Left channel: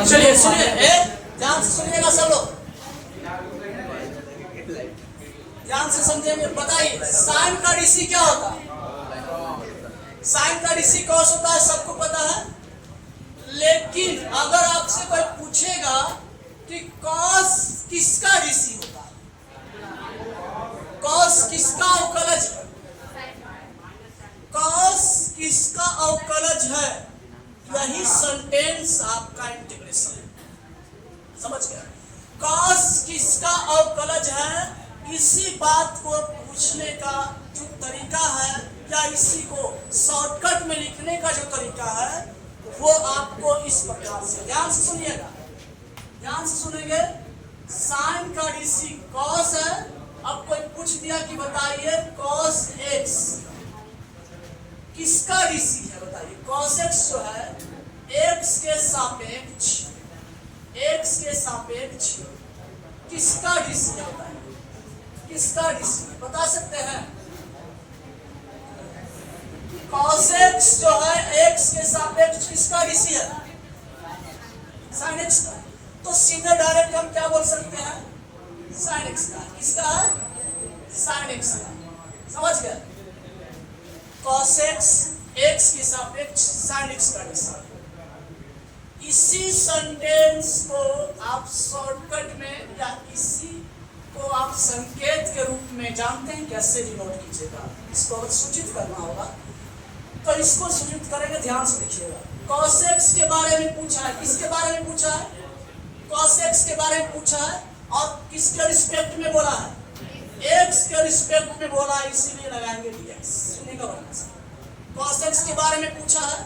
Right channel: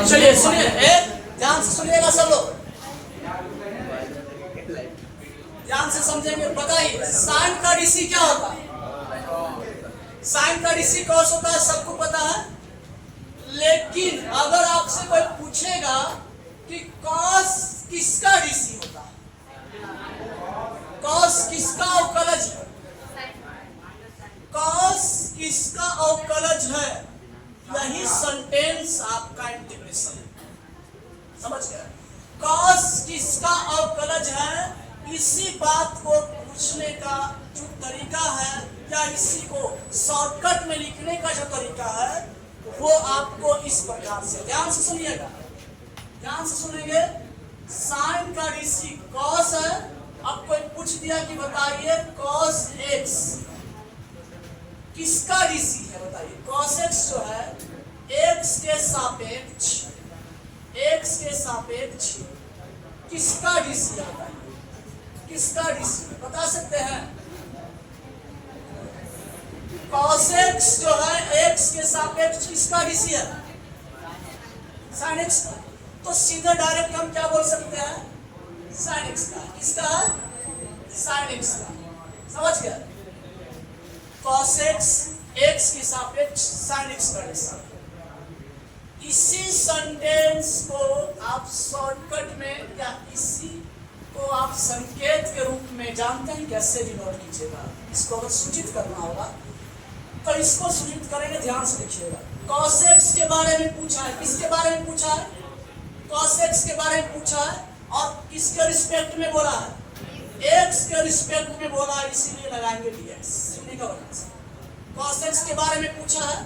चलिए सुनिए, ध्यान से सुनिएगा सब लोग, ध्यान से समझेंगे। बताइए साइन का डीसी क्या होता है? साइन का डीसी कॉस होता है, सबको पता है। लेकिन अगर आपसे कोई पूछेगा कि कॉस किसका डीसी होता है, कॉस किसका अवकलज है, कॉस किसका अवकलज है, यही सेंटेंस आपका इंटीग्रेशन है। समझ गया? कॉस किसका अवकलज है, इसी बात को पूछने का जो तरीका है या इसी को शॉर्टकट में लिखने का जो तरीका है वो आपको इस प्रकार से, ध्यान से सुनिएगा, ध्यान से सुनेंगे। साइन का डीसी कॉस है। अब कोई पूछ दिया कि बताइए कॉस एक्स किसका डीसी है, बताइए। कॉस एक्स जो है एक्स के सापेक्ष, एक्स के सापेक्ष किसका डीसी है, बताइए किसका डीसी बता सकते हैं? कॉस एक्स जो है एक्स के सापेक्ष किसका डीसी है? साइन एक्स का। तो सीधे डायरेक्ट हम क्या बोल सकते हैं? साइन एक्स का। किसका है? साइन एक्स का। समझ गए? कॉस एक्स एक्स के सापेक्ष साइन एक्स का डीसी। इसी सेंटेंस को आप शॉर्टकट में या इसी को आप संकेत के रूप में जानते हैं कैसे डिनोट कीजिएगा। इसको अगर सूचित करना होगा तो इसको सूचित करेंगे, ध्यान से देखिएगा। कॉस एक्स के बारे में पूछा है, किसके बारे में पूछा है? कॉस एक्स के बारे में पूछा है और किसके रिस्पेक्ट में बोला है? एक्स के रिस्पेक्ट में बोला है, इसीलिए लगाएंगे डीएक्स। सुनिएगा, कॉस एक्स के बारे में पूछा है,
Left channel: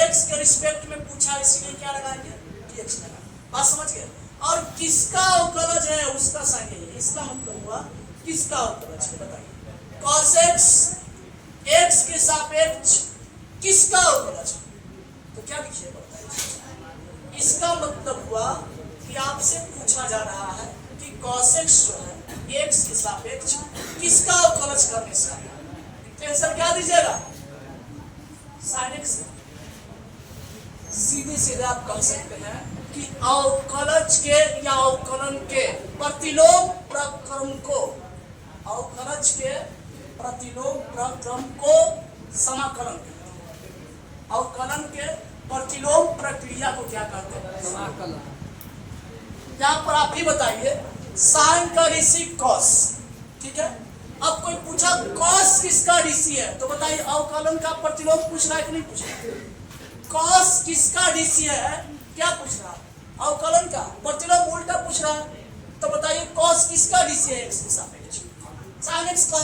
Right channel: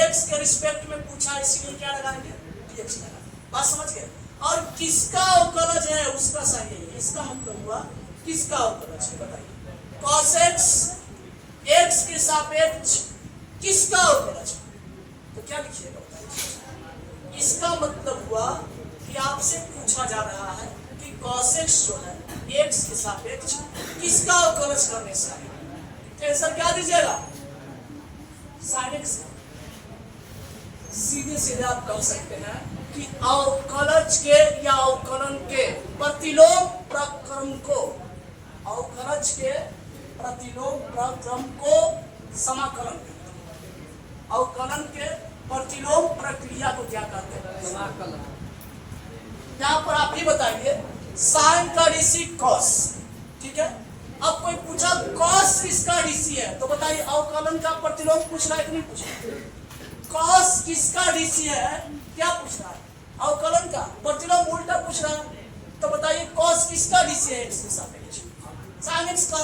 एक्स के रिस्पेक्ट में पूछा है, इसीलिए क्या लगाएंगे? डीएक्स लगाएंगे। बात समझ गए? और किसका अवकलज है उसका साइन है। इसका मतलब हुआ किसका अवकलज है, बताइए। कॉस एक्स एक्स के सापेक्ष किसका अवकलज है, तो क्या लिखिएगा, बताइए। इसका मतलब हुआ कि आपसे पूछा जा रहा है कि कॉस एक्स जो है एक्स के सापेक्ष किसका अवकलज करने से आता है। तो आंसर क्या दीजिएगा? Sine x. सीधे सीधे आप कह सकते हैं कि अवकलज के या अवकलन के प्रतिलोम प्रक्रम को, अवकलज के प्रतिलोम प्रक्रम को समाकलन कहते हैं। अवकलन के प्रतिलोम प्रक्रिया को क्या कहते हैं? समाकलन। यहाँ पर आप ही बताइए, साइन का डीसी कॉस, ठीक है। अब कोई पूछा कॉस किसका डीसी है, तो बताइए अवकलन का प्रतिलोम पूछ रहा है कि नहीं पूछ रहा? कॉस किसका डीसी है, क्या पूछ रहा है? अवकलन का। प्रतिलोम उल्टा पूछ रहा है, तो बताइए कॉस किसका डीसी है? एक्स के सापेक्ष साइन एक्स का।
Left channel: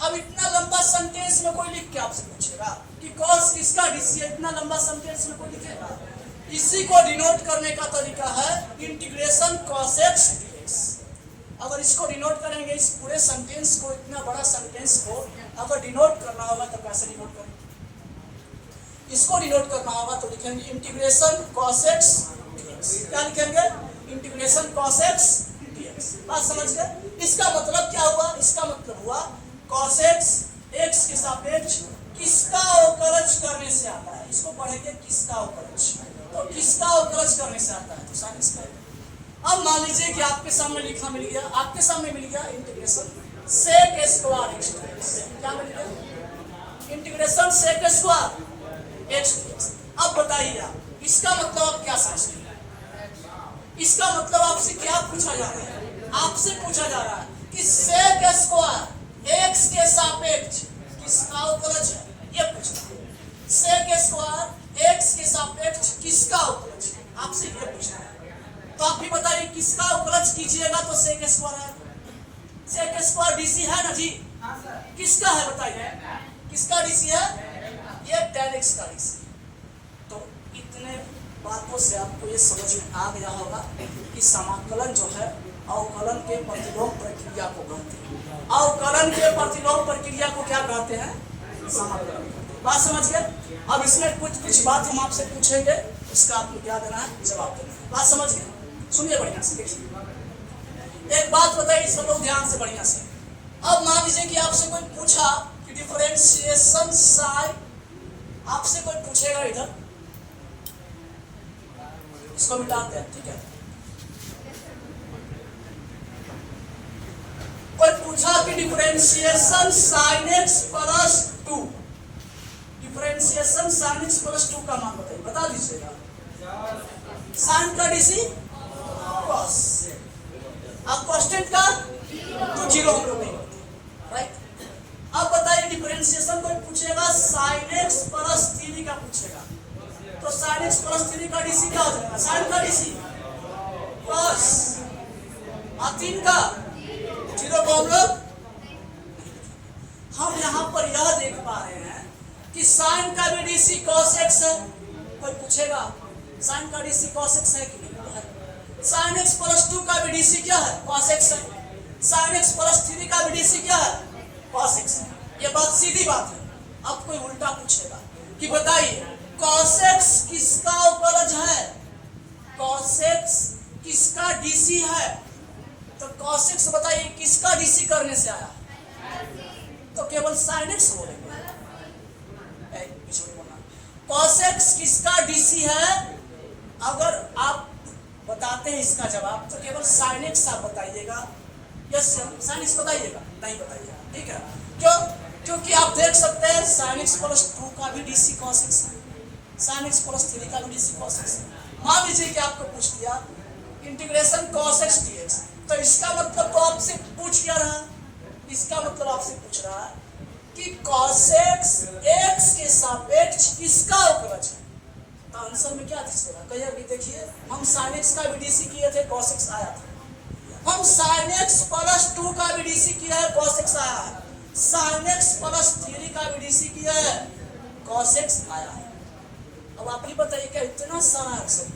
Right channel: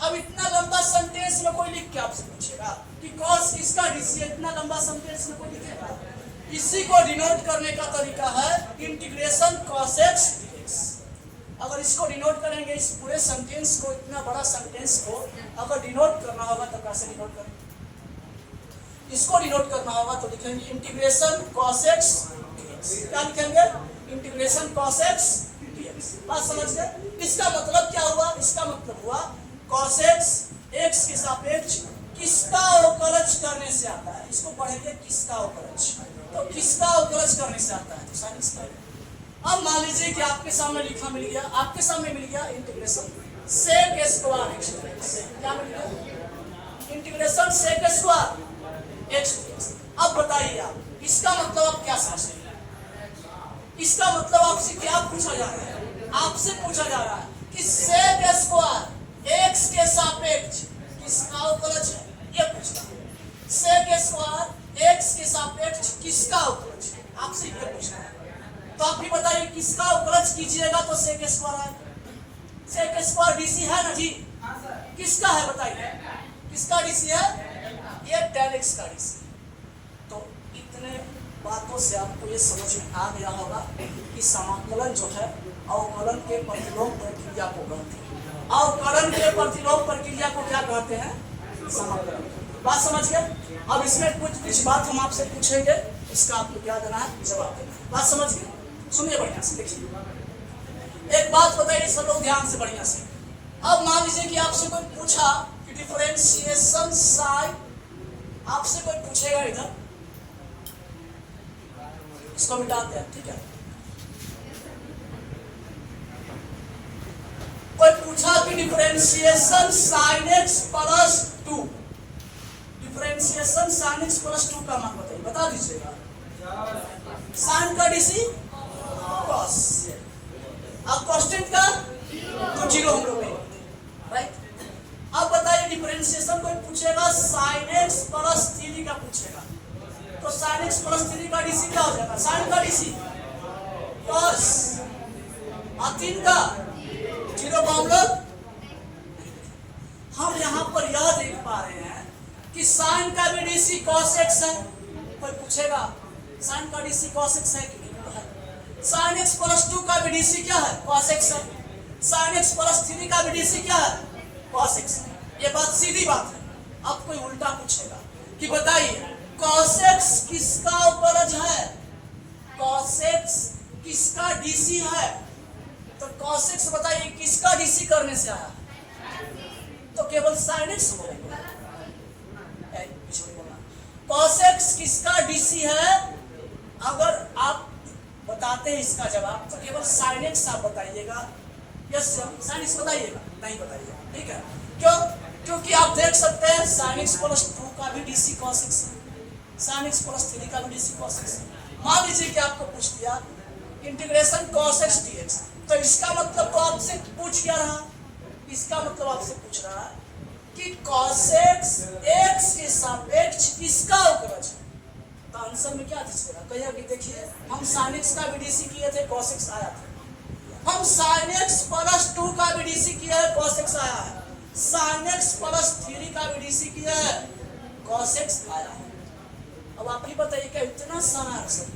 अब इतना लंबा सेंटेंस में कोई लिख के आपसे पूछेगा कि कॉस किसका डीसी है, इतना लंबा सेंटेंस में कोई लिखेगा? इसी को डिनोट करने का तरीका है इंटीग्रेशन कॉस एक्स डीएक्स। अगर इसको डिनोट करेंगे, इस पूरे सेंटेंस को, इतना बड़ा सेंटेंस को अगर डिनोट करना होगा तो कैसे डिनोट करेंगे? इसको डिनोट करना होगा तो लिखेंगे इंटीग्रेशन कॉस एक्स डीएक्स। क्या लिखेंगे? Integration cos x dx. बात समझ गए? इसका मतलब क्या हुआ? इसका मतलब हुआ कॉस एक्स एक्स के सापेक्ष किसका अवकलज करने से आता है। इसको पढ़ेंगे किसका अवकलज, तो किसका अवकलज करने से आता है, तो साइन एक्स का। अब मान लीजिए कि आपके सामने लिखा मिल गया, आपके सामने मिल गया integration sec square x dx. क्या मिल गया? Integration sec square x dx. अब बताइए आप, इसका मतलब आप क्या समझते हैं? इसका मतलब आपसे क्या पूछा जा रहा है? आपसे पूछा जा रहा है कि सेक स्क्वायर एक्स के सापेक्ष किसका अवकलज है, ये पूछना है। सेक स्क्वायर एक्स के सापेक्ष किसका अवकलज है, आपसे ये पूछना है। तो आप भी बताइए किसका अवकलज कीजिएगा तो सेक स्क्वायर है। सेक स्क्वायर डीसी है ना जी? किसका है बताइए? किसका डीसी है? ये tan x का डीसी। तो इतने बातों से आपको ये समझ में आ गया होगा कि समाकलन जो है अवकलन के प्रतिलोम प्रक्रिया को कहते हैं। अवकलन के प्रतिलोम प्रक्रिया को क्या कहते हैं? समाकलन। बात समझ गए? अब इसमें कुछ बात हम आपसे पूछेंगे, उसका आपको क्या देना है? जवाब देना है। बात समझ गए? सुनिए बढ़िया से, देखिए एक बात बताइए सब लोग ध्यान से बढ़िया से। अब मान लीजिए कि आपसे कोई पूछा कि डिफरेंशिएशन साइन, आपसे कोई पूछेगा इधर इसको मिटाते हैं, ठीक है। कोई पूछा कि differentiation sin x plus 2, differentiation sin x plus 2 का मान बताइए, बता दीजिएगा। साइन का डीसी कॉस, अब कांस्टेंट का तो जीरो हम लोग नहीं करते, राइट। अब बताइए डिफरेंशिएशन कोई पूछेगा sin x प्लस 3 का पूछेगा, तो sin x प्लस 3 का डीसी क्या हो जाएगा, साइन का डीसी कॉस, और 3 का जीरो को हम लोग, हम यहाँ पर यह देख पा रहे हैं कि साइन का भी डीसी कॉस एक्स है। कोई पूछेगा साइन का डीसी कॉस एक्स है कि नहीं, साइन एक्स प्लस 2 का भी डीसी क्या है, कॉस एक्स है। साइन एक्स प्लस 3 का भी डीसी क्या है, कॉस एक्स है। ये बात सीधी बात है। अब कोई उल्टा पूछेगा कि बताइए कॉस एक्स किसका उपलज है, कॉस एक्स किसका डीसी है, तो cos x बताइए किसका डीसी करने से आया, तो केवल sin x बोलेंगे, cos x किसका डीसी है। अगर आप बताते हैं इसका जवाब तो केवल sin x आप बताइएगा, यस sin x बताइएगा, नहीं बताइएगा, ठीक है। क्यों, क्योंकि आप देख सकते हैं sin x प्लस 2 का भी डीसी cos x है, sin x प्लस 3 का भी डीसी cos x है। मान लीजिए कि आपको पूछ दिया इंटीग्रेशन cos x dx, तो इसका मतलब तो आपसे पूछ क्या रहा, इसका मतलब आपसे पूछ रहा है कि cos x x के सापेक्ष किसका अवकलज है, तो आंसर में क्या दिखेगा, कहिए कि देखिए हम sin x का भी डीसी किए थे, cos x आया था। हम sin x प्लस 2 का भी डीसी किया है, cos x आया है। sin x प्लस 3 का भी डीसी किया है, cos x आया है। अब आप ही बताइए क्या इतना सारा आंसर,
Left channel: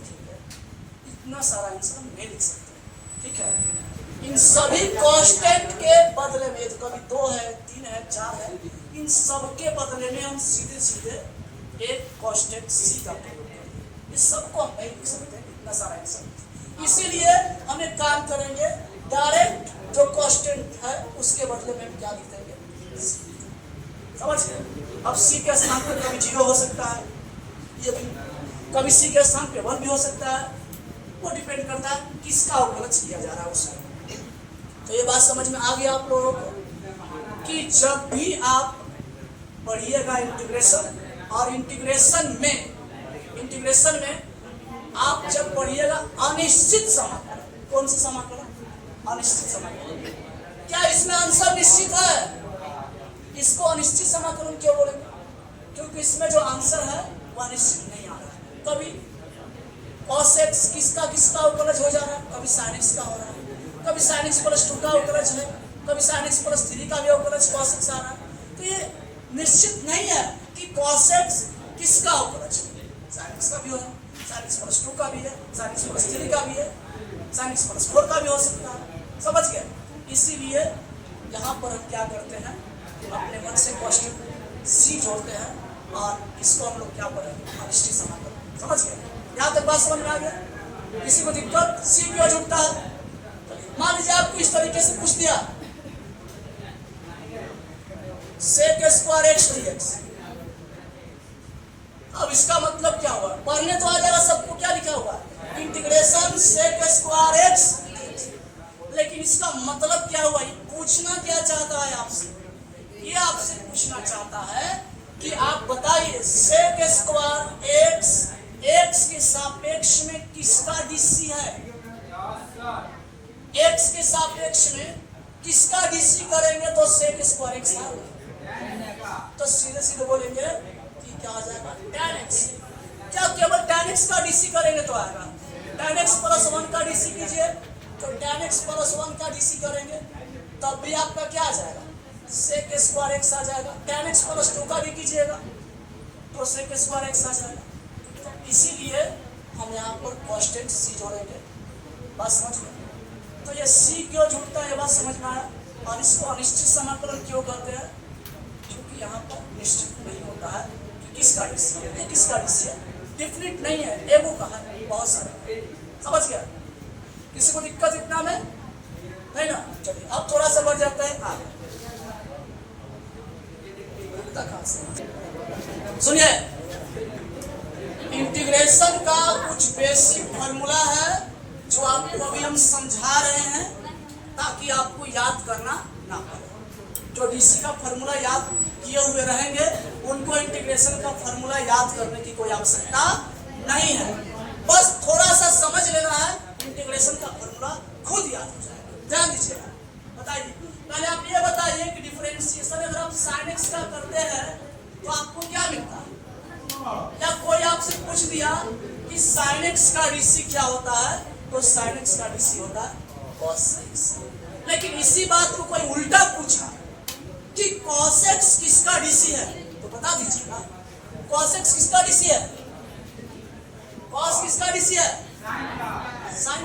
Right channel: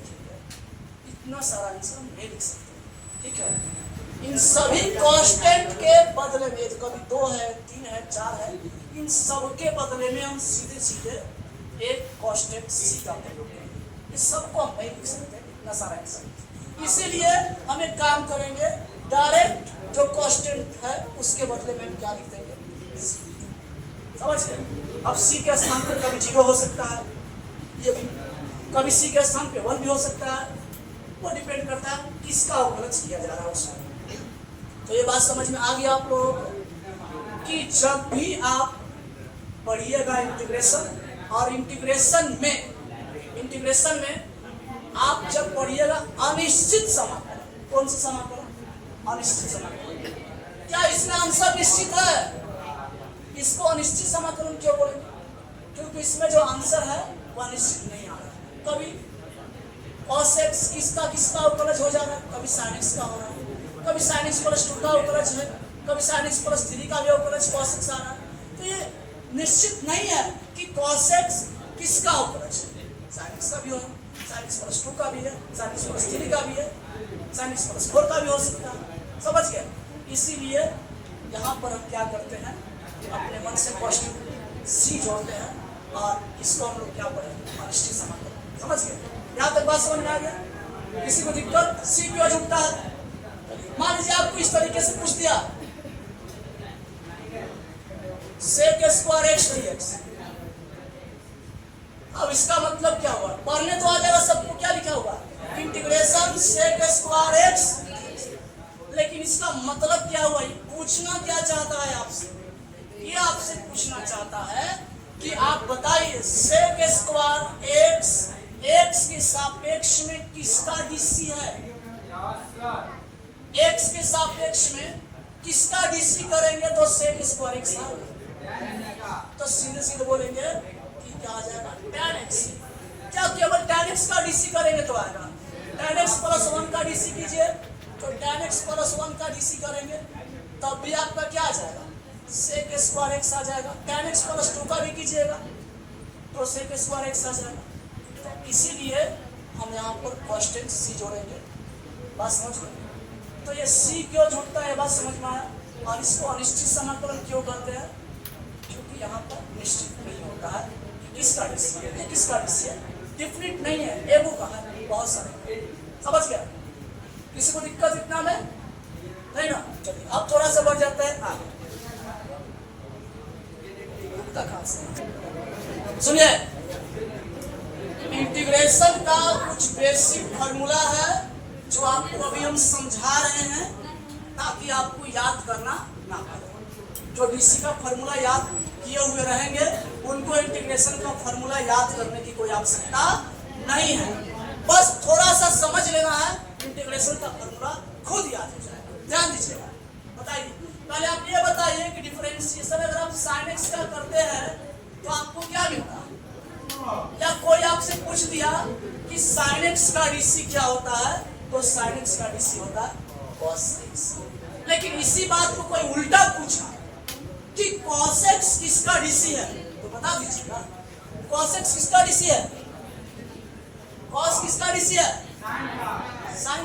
इतना सारा आंसर हम नहीं लिख सकते, ठीक है। इन सभी कांस्टेंट के बदले में, कभी 2 है, 3 है, 4 है, इन सब के बदले में हम सीधे सीधे एक कांस्टेंट सी का प्रयोग करेंगे। इस सबको हम नहीं लिख सकते, इतना सारा आंसर। इसीलिए हम एक काम करेंगे, डायरेक्ट जो कांस्टेंट है उसके बदले में हम क्या लिख देंगे, समझ गए। अब सी के स्थान पर कभी 0 हो सकता है, ये भी कभी सी के स्थान पे 1 भी हो सकता है, वो डिपेंड करता है किसका अवकलज किया जा रहा है उसमें। तो ये बात समझ में आ गया आप लोगों को कि जब भी आप पढ़िएगा इंटीग्रेशन, और इंटीग्रेशन में आप जब पढ़िएगा अनिश्चित समाकलन, कौन सा समाकलन, अनिश्चित समाकलन, क्या इसमें आंसर निश्चित है, इसको अनिश्चित समाकलन क्यों बोलेंगे, क्योंकि इसमें जो आंसर है वो अनिश्चित नहीं आ रहा है। कभी cos x किसका किसका अवकलज हो जा रहा है, कभी sin x का हो रहा है, कभी sin x प्लस 2 का अवकलज है, कभी sin x प्लस 3 का भी अवकलज cos x आ रहा है। तो ये निश्चित नहीं है कि cos x किसका अवकलज है, sin x का भी हो, sin x प्लस 2 का भी है, sin x प्लस 3 का भी है, sin x प्लस 4 का भी हो सकता है, समझ गए। इसीलिए यहाँ पर हम क्या करते हैं, अपने मन से कांस्टेंट सी जोड़ते हैं और इसको हम लोग क्या पढ़ेंगे, अनिश्चित समाकलन, समझ गए। यहाँ तक बात समझ में आ गया, किसी को दिक्कत, सी क्यों जुड़ता है। मान लीजिए आपको इस तरीके से पूछ दिया sec स्क्वायर x dx, अब इसका मतलब क्या हुआ, पढ़ने तो आ जाएगा सबको, क्या लिखा हुआ इंटीग्रेशन sec स्क्वायर x, लेकिन इसका मतलब क्या हुआ, पूछना क्या चाहता है आपसे, ये आपसे पूछना चाहता है कि आप बताइए sec स्क्वायर x x के सापेक्ष में किसका डीसी है, x के सापेक्ष में किसका डीसी करेंगे तो sec स्क्वायर x आएगा, तो सीधे सीधे बोलेंगे कि क्या आ जाएगा tan x। क्या केवल tan x का डीसी करेंगे तो आएगा, tan x प्लस 1 का डीसी कीजिए तो tan x प्लस 1 का डीसी करेंगे तब भी आपका क्या आ जाएगा, sec स्क्वायर x आ जाएगा। tan x प्लस 2 का भी कीजिएगा तो sec स्क्वायर x आ जाएगा। इसीलिए हम यहाँ पर कांस्टेंट सी जोड़ेंगे, बात समझ गए। तो ये सी क्यों जुड़ता है, बात समझ में आया। और इसको अनिश्चित समाकलन क्यों कहते हैं, क्योंकि यहाँ पर निश्चित नहीं होता है कि किसका डीसी है, ये किसका डीसी है, डिफिनिट नहीं है, एगो का है, बहुत सारे, समझ गया। किसी को दिक्कत इतना में नहीं ना, चलिए अब थोड़ा सा बढ़ जाता है आगे। सुनिए इंटीग्रेशन का कुछ बेसिक फार्मूला है जो आपको अभी हम समझा रहे हैं ताकि आपको याद करना ना पड़े। जो डीसी का फार्मूला याद किए हुए रहेंगे उनको इंटीग्रेशन का फार्मूला याद करने की कोई आवश्यकता नहीं है, बस थोड़ा सा समझ लेना है, इंटीग्रेशन का फार्मूला खुद याद हो जाएगा। ध्यान दीजिएगा। बताइए, पहले आप ये बताइए कि डिफरेंशिएशन अगर आप sin x का करते हैं तो आपको क्या मिलता है? या कोई आपसे पूछ दिया कि sin x का डीसी क्या होता है, तो sin x का डीसी होता है cos x। लेकिन इसी बात को कोई उल्टा पूछा कि cos x किसका डीसी है, तो बता दीजिएगा cos x किसका डीसी है? cos किसका डीसी है? sin।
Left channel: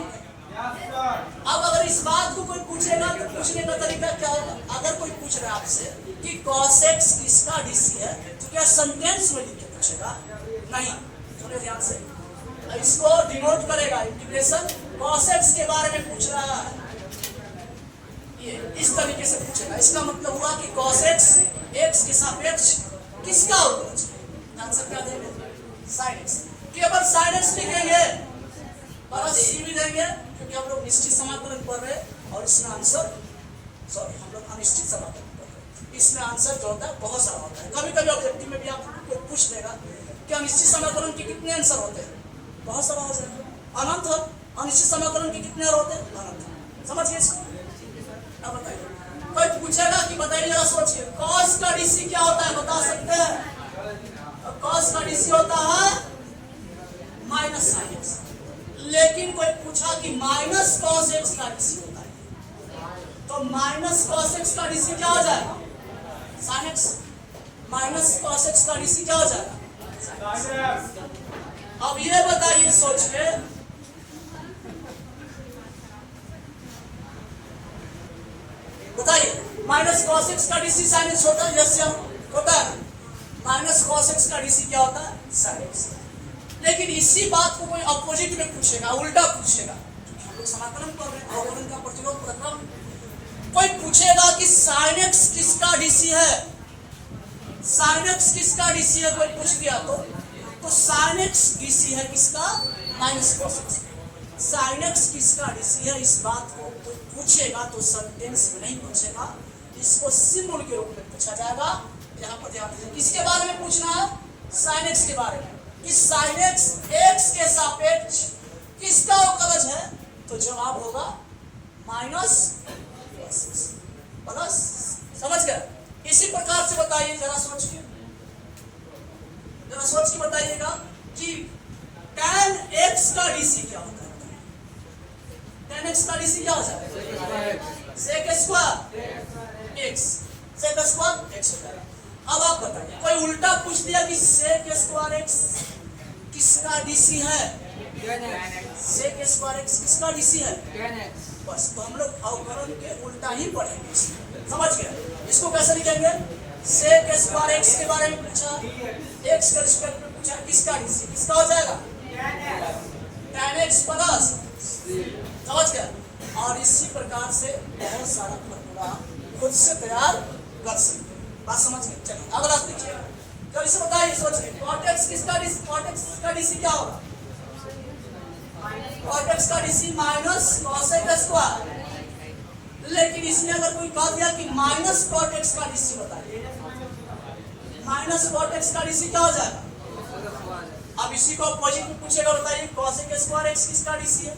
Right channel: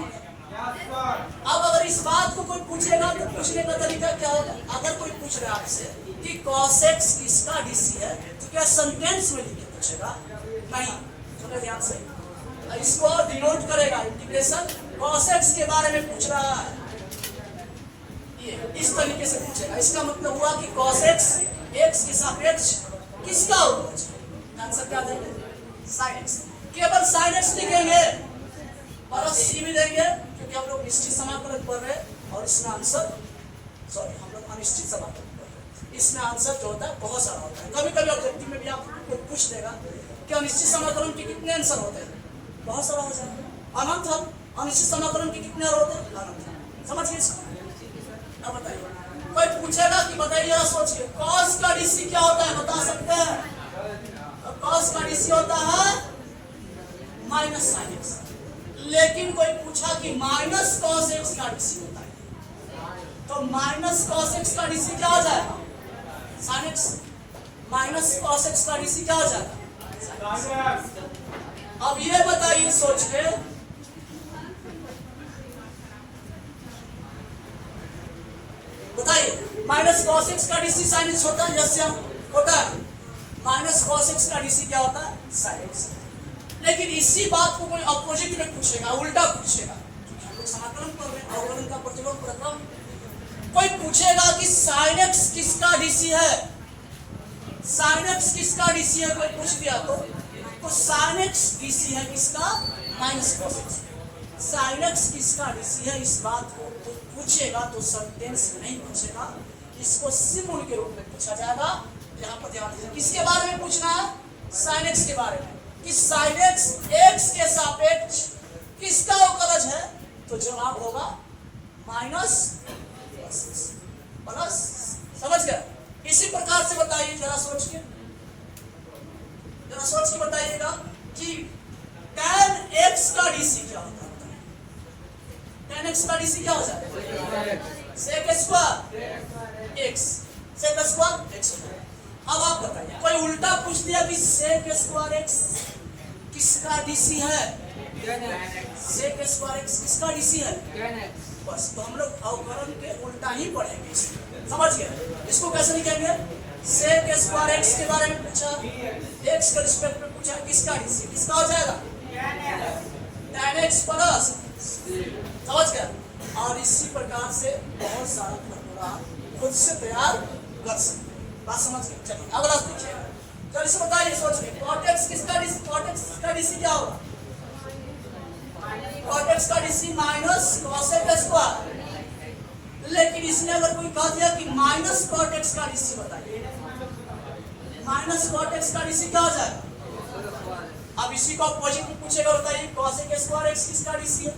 अब अगर इस बात को कोई पूछेगा तो पूछने का तरीका क्या होगा? अगर कोई पूछ रहा है आपसे कि cos x किसका डीसी है, तो क्या सेंटेंस में लिख के पूछेगा? नहीं। सुने ध्यान से, इसको डिनोट करेगा इंटीग्रेशन cos x के बारे में पूछ रहा है, ये इस तरीके से पूछेगा। इसका मतलब हुआ कि cos x x के सापेक्ष किसका अवकलज है? आंसर क्या देंगे? sin x। केवल sin x लिखेंगे और c भी देंगे क्योंकि हम लोग निश्चित समाकलन कर रहे हैं और इसमें आंसर हम लोग अनिश्चित समाकलन कर रहे हैं। इसमें आंसर जो होता है बहुत सारा होता है। कभी कभी ऑब्जेक्टिव में भी आपको पूछ देगा कि अनिश्चित समाकलन के कितने आंसर होते हैं, बहुत सारा हो जाएगा। अनंत हो, अनिश्चित समाकलन के कितने होते हैं? अनंत। समझिए इसको। अब बताइए, कोई पूछेगा कि बताइए जरा सोचिए cos का डीसी क्या होता है, बता सकते हैं? cos का डीसी होता है माइनस sin x। लेकिन कोई पूछा कि माइनस cos x का डीसी होता है, तो माइनस cos x का डीसी क्या हो जाएगा? sin x। Minus cos x का डीसी क्या हो जाएगा? अब ये बताइए सोच के, बताइए माइनस cos x का डीसी sin x होता है? यस या होता है? माइनस cos x का डीसी क्या होता है? sin x। लेकिन इसी बात को कोई अपोजिट में पूछेगा, उल्टा पूछेगा, क्योंकि हम लोग समाकलन कर रहे हैं, अवकलन का प्रतिलोम प्रक्रम। कोई पूछेगा कि sin x किसका डीसी है? sin x किसका डीसी है? कोई पूछ दिया तो sin x डीसी है किसका? Minus cos x। sin x किसका डीसी है, इस बात को कोई पूछेगा तो सेंटेंस में नहीं पूछेगा, इसको सिंबल के रूप में पूछा जाएगा। यहाँ पर ध्यान दीजिए, किसके बारे में पूछना है? sin x के बारे में, कि sin x x के सापेक्ष किसका अवकलज है, तो जवाब होगा माइनस प्लस। समझ गए? इसी प्रकार से बताइए, जरा सोच के बताइएगा कि tan x का डीसी क्या होता है? tan x का डीसी क्या होता है? sec square x, sec square x होता है। अब आप बताइए, कोई उल्टा पूछ दिया कि sec स्क्वायर x किसका डीसी है? sec स्क्वायर x किसका डीसी है? बस, तो हम लोग अवकलन के उल्टा ही पढ़ेंगे। समझ गए? इसको कैसे लिखेंगे? sec स्क्वायर x के बारे में पूछा, x के रिस्पेक्ट में पूछा, किसका डीसी किसका हो जाएगा? tan x plus. समझ गए? और इसी प्रकार से बहुत सारा फॉर्मूला खुद से तैयार कर सकते। बात समझ गए? चलिए अगला देखिए, जल्दी से बताइए, सोच के cot x किसका डीसी? cot x का डीसी क्या होगा? cot x का DC minus cos x square. लेकिन इसमें अगर कोई कह दिया कि माइनस cot x का डीसी बताइए, माइनस cot x का डीसी क्या हो जाएगा? अब इसी को अपोजिट में पूछेगा, बताइए cos x स्क्वायर x किसका डीसी है?